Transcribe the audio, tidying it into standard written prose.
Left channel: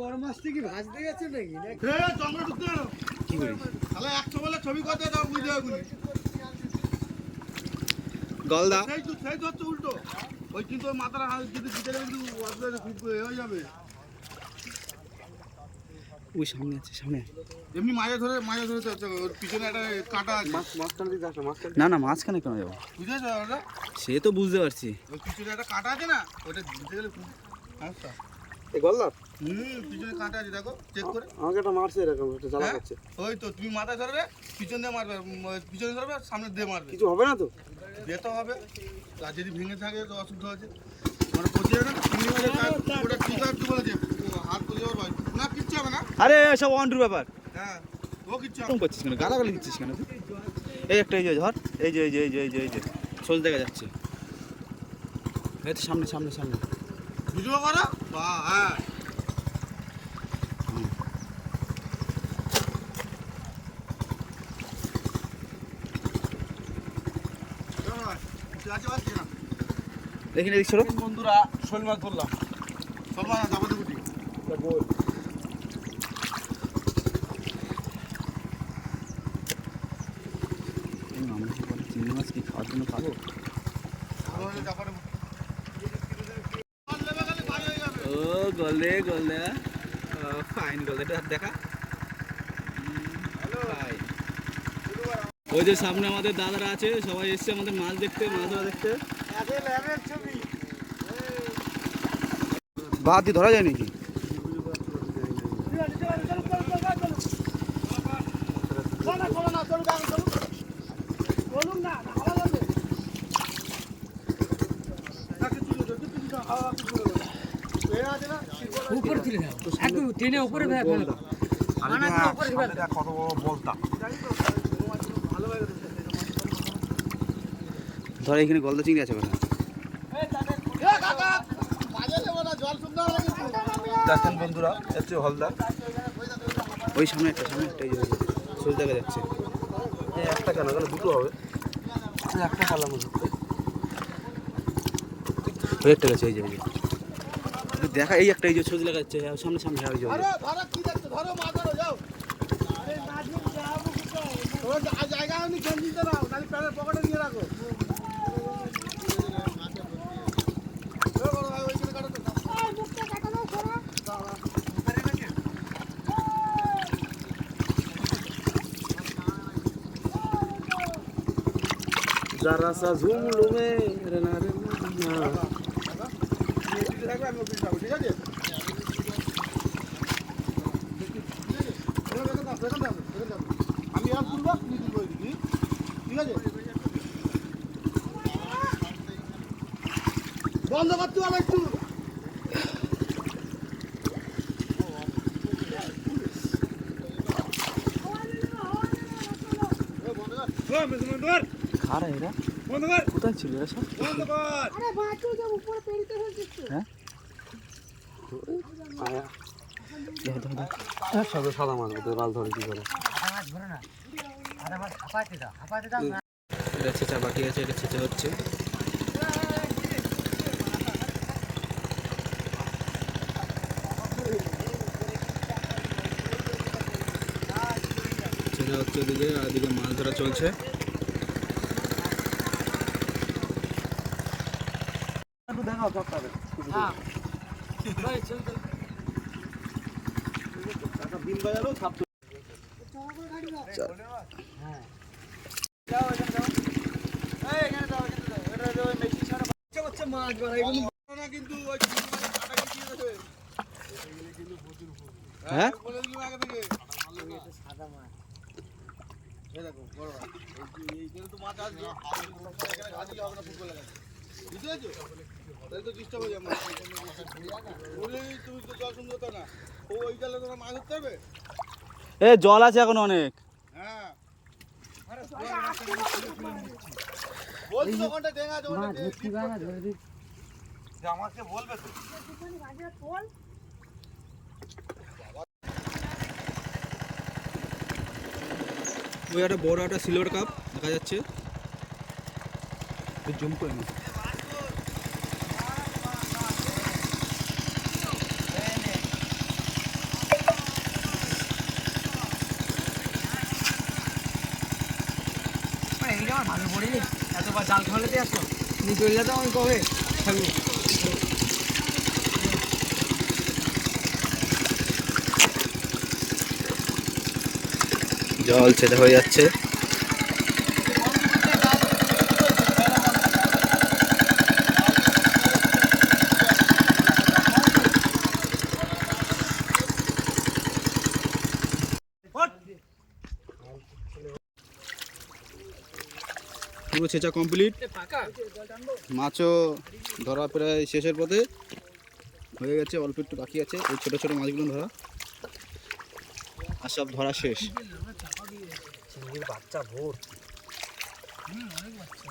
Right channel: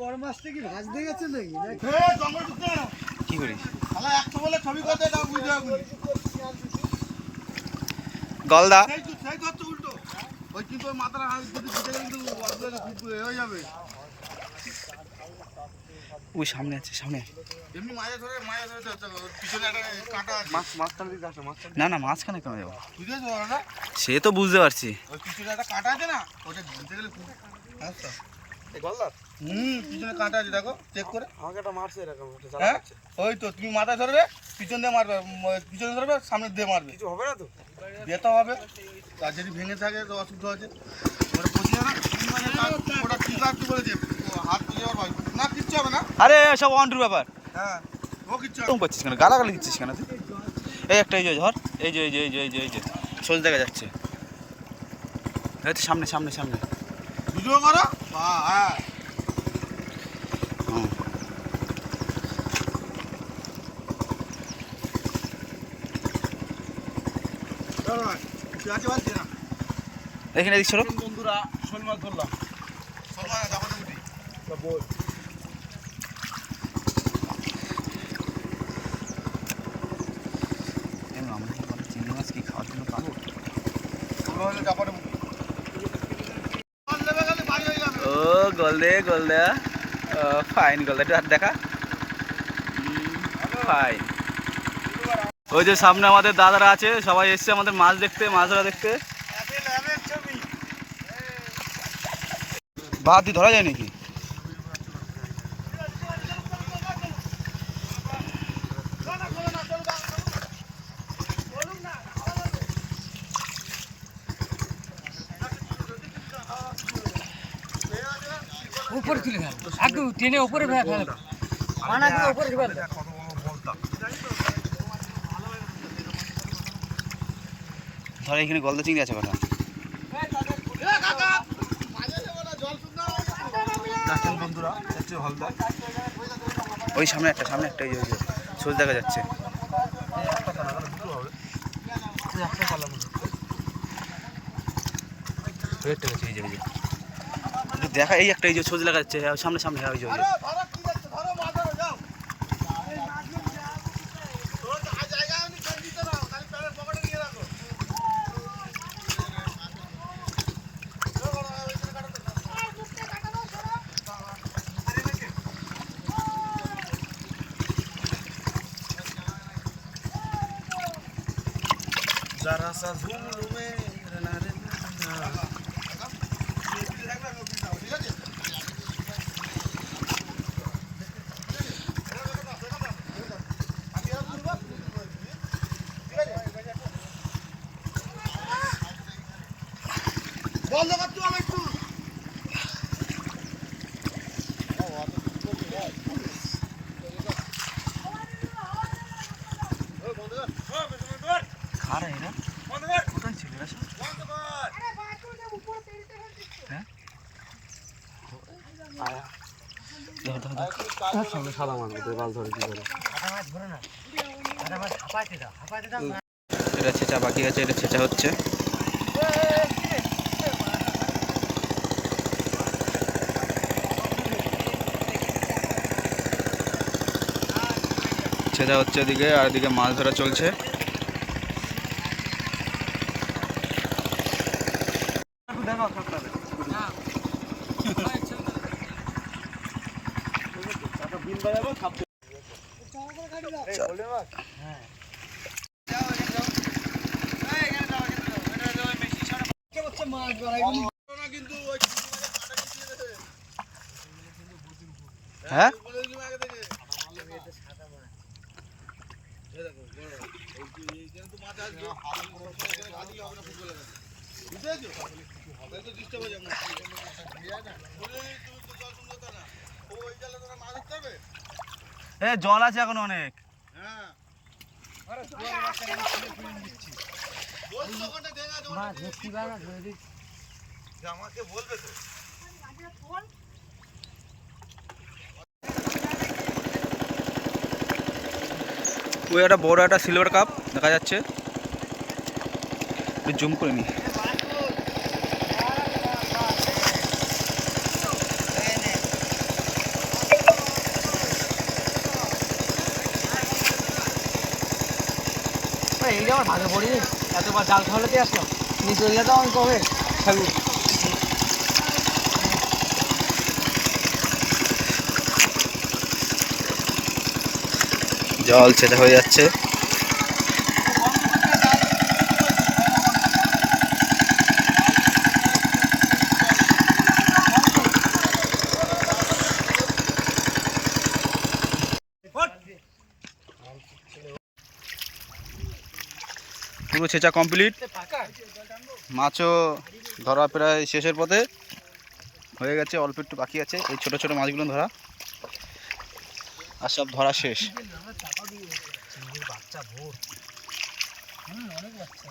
বড় মাছটা কি ভাজতে গেছে নাকি? কি করিস? ছবি করতে বুঝতে হবে গলদা উল্টো ওই কিন্তু মাথার হাত যদি কিন্তু হয়ে যাবে। ওই সামনে আছে, সামনে। এমনি মাছ ধরে পিছনে একটা কাঁটা আছে। মাছটা দিতে আসে, মাছটা না না, মাঝখানে কেন যাবো? বুঝেছো দাদা? সে তো বুঝতে পারছি। ওই পিছনে একটা কাঁটা আছে না, ওটা দিতে গেলে সমস্যা। এই গলদা? পিছনে কাঁটা আছে, দেখো চেক করে। আমাকে একটা মারছে এরকম, একটা জ্বালা করছে। ওই তো তুমি মাথা ধরবে, পিছন দিয়ে মারবে, পিছনে ধরবে, সামনে দিয়ে মারবে। কিছু হবে না তো? যেতে হবে। আর যদি ভেঙে থাকে তো অসুবিধা আছে। ওটা পচে যাবে, ওটা ঠিক আছে বলেছে, হাত পচে যাওয়ার না, কিচ্ছু হবে না। আরে সব অন্ডুর ব্যাপার। হ্যাঁ, ও কিচ্ছু এরকম করছিস কেন? গালাগালি দিচ্ছিস কেন তুই? এই একটা, এই যে ধর, এই যে এই যে এই যে এই যে এই যে সোজ দেখা যাচ্ছে। এই তো সামনে সামনে সামনে। ভিডিও করো। হ্যাঁ, এখানে দেখছো বন্ধুরা, শোল মাছ ধরলাম। আমরা চিংড়ি মাছ কি খাওয়ার জন্য পাবো? ও গলদে গলদা, ফাইন গলদা, একটু হাত দেখা। ফাইন। ওই যে সামনে আমাদের দাদারা আছে, সবাই এসছে আমাদের মাছ দেখতে, মাছ ধরা দেখতে। বাদ ধরা যায় নাকি? উপরে তুলে দেন, একটু টেনে উপরে ফেলে ফেলে মানাগুলো উপরে দিবেন। কত বড় বলতা। ধর এখানে গলদা চিংড়ি আছে কটা। দেখেন বন্ধুরা, হচ্ছে হলদা। ওই সামনে একটা, সামনে একটা, এই যে সোজ দেখা যাচ্ছে। একটা কেন, দুটো হবে। একটা কালাম ওই একটা গেছে, এই যে দেখা, এই একটা, এই যে সোজ দেখা যাচ্ছে সামনে সামনে। হ্যাঁ, ওই যে जरा सा झूम लूं मैं रना रे বন্ধ কর তুই আমার একটু। খারা এরা কোথায় ছিল এরা সব? হ্যাঁ, সবে সাদা মাছ বাল ধরে কি করে? এটা ছেঁচা বাকি আছে, এটা ছেঁচা হচ্ছে। ছেঁচা হচ্ছে এদিকে, আর এদিকে মাছ ধরা চলছে। হ্যাঁ, এ জল আছে এখন অনেক। আমাকে বলবে তো। ওই একটা বড় একটা সিলভার কাপ দেখা যাচ্ছে, একটু জুম করে নি। এই যে আমার ভাগে পড়ি এতবার জাল খাওয়ালেতে আসলো নিয়ে চলে যেতাম আমি কবে সবই জল ছেঁচা হয়ে যাচ্ছে। পুরো ছেঁচা কমপ্লিট, মাছও ধরা প্রায় শেষের পথে হয়ে গেছে, অল্প একটু বাকি আছে এই ছোট ছোট মাছগুলো ধরা, আর সব ধরা শেষ। বাচ্চা ভোর অনেক বাচ্চা